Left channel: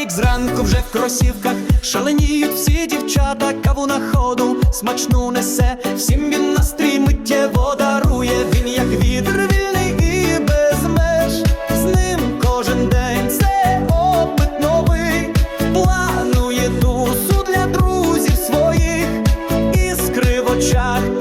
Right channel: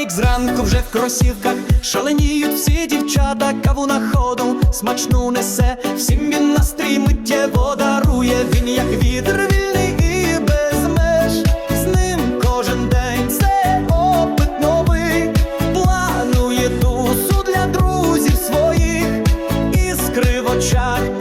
Ерік зранку вже в кросівках, шаленіють всі дівчата, каву на ходу, смачну несе, всім він настрій миттєво дарує, він як вітер вільний і без меж, з ним кожен день це опит новий, планує дусу для друзів своїх, іскри в очах,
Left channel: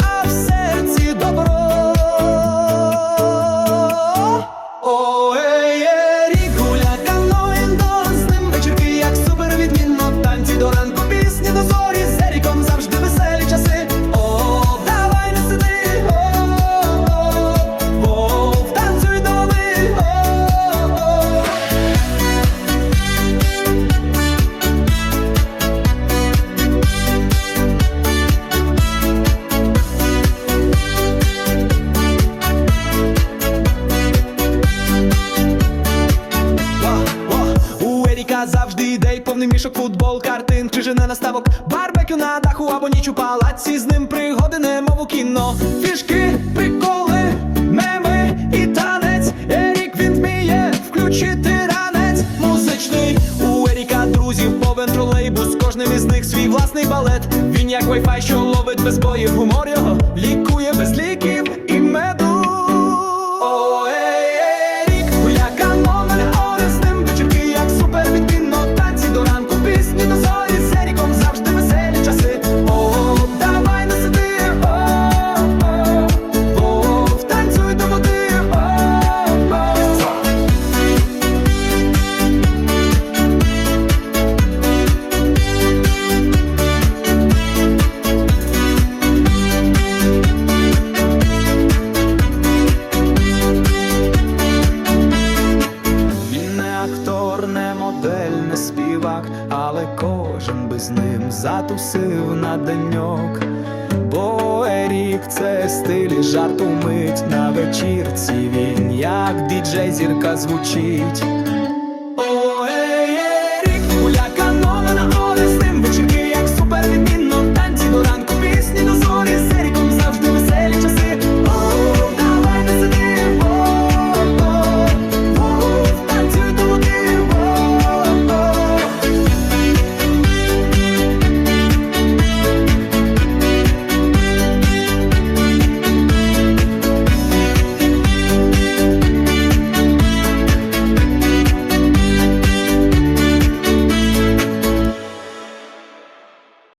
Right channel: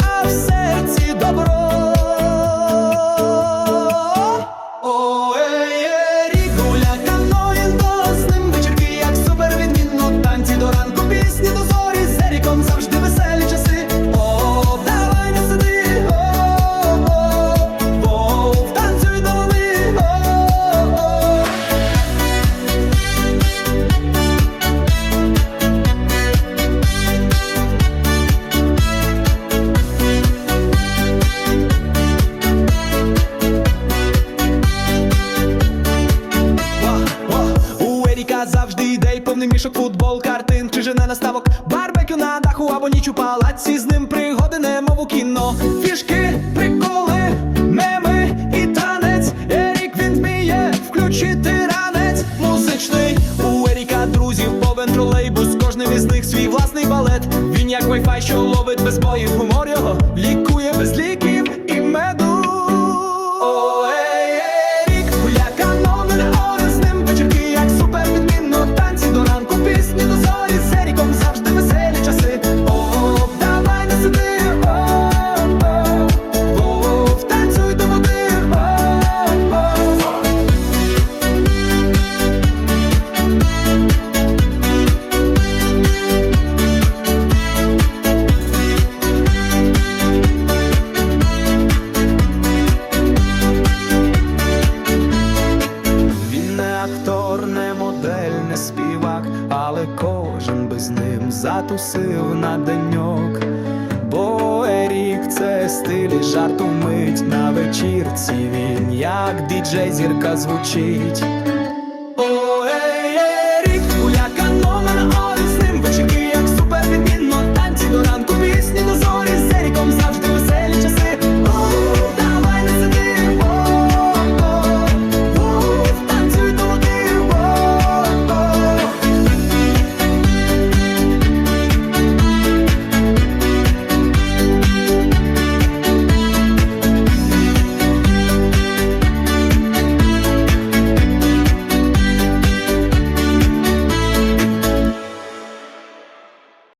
У Еріка завжди ідей, повний мішок, футбол, картин, чи жене наставок, барбекю на даху або ніч у палаці, з ним пригоди, немов у кіно, фішки, приколи, меми і танець. Ерік він вміє включити ранець музичний. У Еріка друзів повен тролейбус, кожним із них свій власний балет. Він як вайфай, що ловить без боїв, гумор його лікує без ліків і меду. Актор, не модель, не співак, але кожен би з ним затусив на деньок. Бо Ерік це стиль і жарту мить на вечірці він, як діджей зірка звучить.